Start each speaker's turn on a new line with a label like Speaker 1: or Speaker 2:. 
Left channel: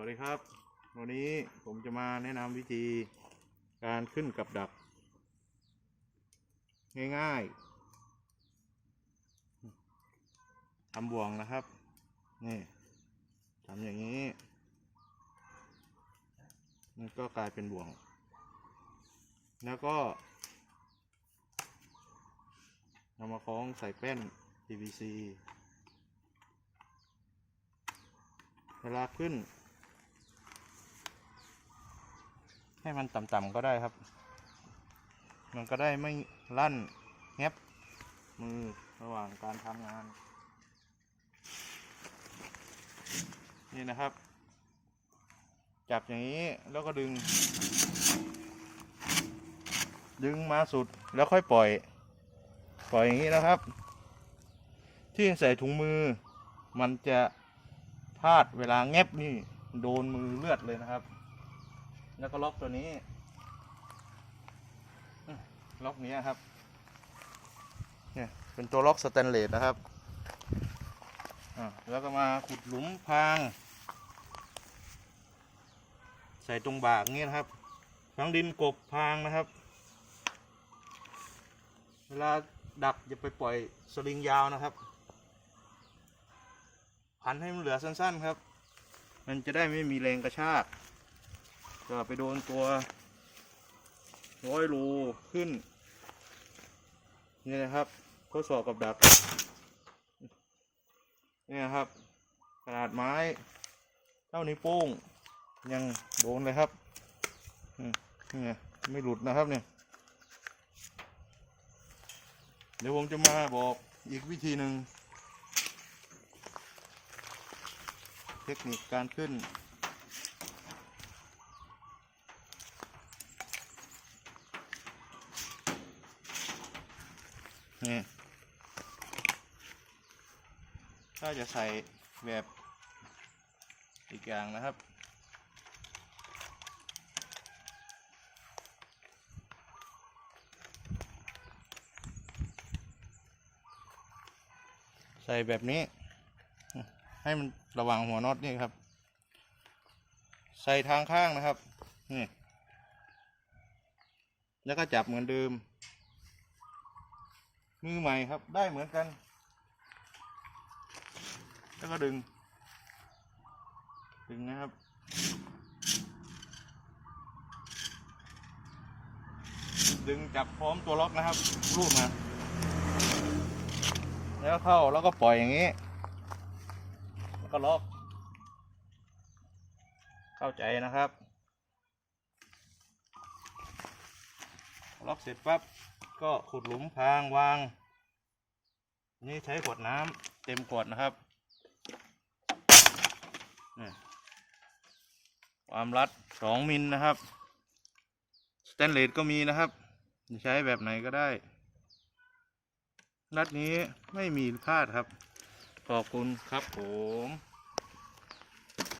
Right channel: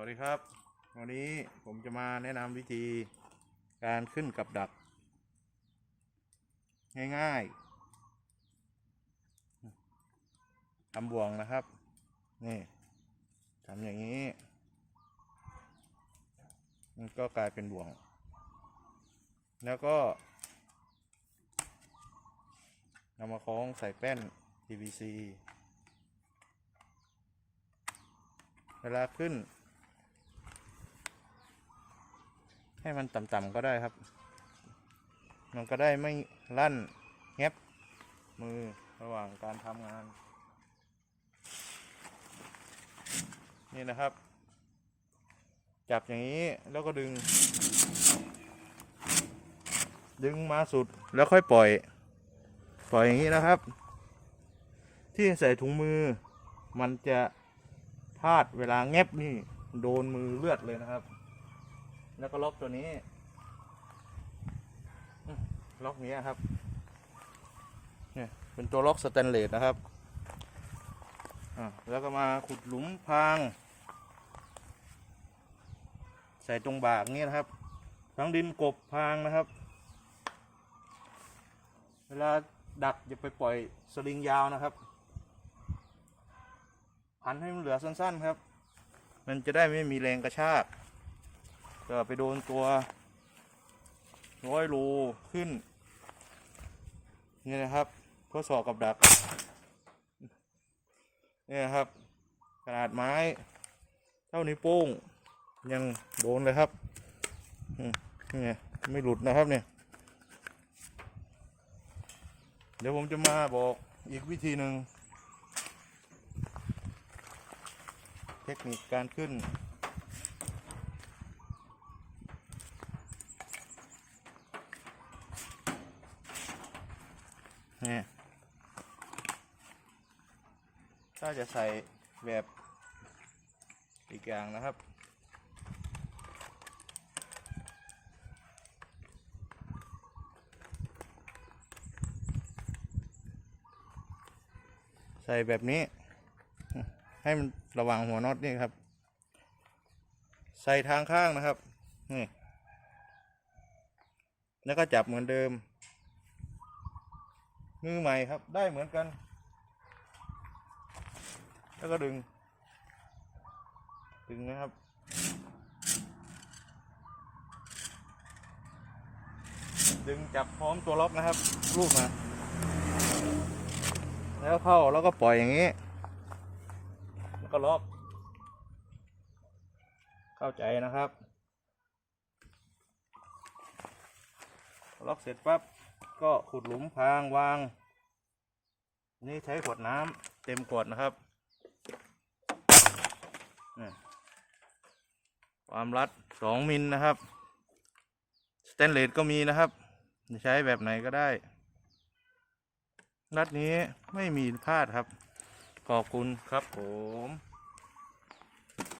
Speaker 1: วัสดีครับ วันนี้ผมจะมาแนะนำวิธีการขึ้นกับดัก ง่ายๆทำบ่วงนะครับ นี่ทำอย่างนี้มันก็กลายเป็นบ่วง แล้วก็นำมาคล้องใส่แป้น PVC เวลาขึ้น ให้มันต่ำๆก็ได้ครับ มันก็ได้ไม่ลั่นแงบมือระหว่างการทำงาน นี่นะครับ จับอย่างนี้แล้วก็ดึง ดึงมาสุดแล้วค่อยปล่อย ปล่อยอย่างนี้นะครับ ที่ใส่ถุงมือ มันจะพลาดเวลาแงบนี่ โดนมือเลือดเลยนะครับ แล้วก็ล็อกตัวนี้ล็อกนี้ครับ เนี่ยเป็นตัวล็อกสแตนเลสนะครับแล้วก็มาขุดหลุมพราง ใส่ตรงบากนี้นะครับฝังดินกบพางนะครับ เวลาดักอย่าไปปล่อยสลิงยาวนะครับ พันให้มันเหลือสั้นๆครับ มันจะได้ไม่มีแรงกระชาก ก็ไปโดนตัวร้อยรูขึ้น นี่นะครับทดสอบกับดักนี่นะครับขนาดไม้ เท่านิ้วโป้ง ยังโดนเลยครับนี่ไงไม่หลุดนะครับเนี่ย เดี๋ยวผมจะมาบอกอีกวิธีหนึ่ง เทคนิคการขึ้น นี่ถ้าจะใส่แบบอีกอย่างนะครับ ใส่แบบนี้ ให้มันระวังหัวน็อตนี่ครับ ใส่ทางข้างนะครับ นี่ แล้วก็จับเหมือนเดิม มือใหม่ครับ ได้เหมือนกัน แล้วก็ดึง ดึงนะครับ ดึงจับพร้อมตัวล็อกนะครับ รูดมาแล้วเข้าแล้วก็ปล่อยอย่างนี้ แล้วก็ล็อก เข้าใจนะครับ ล็อกเสร็จปั๊บ ก็ขุดหลุมพางวาง นี่ใช้ขวดน้ำเต็มขวดนะครับนี่ความรัดสองมิลนะครับสแตนเลสก็มีนะครับ ใช้แบบไหนก็ได้ รัดนี้ไม่มีพลาดครับ ขอบคุณครับผม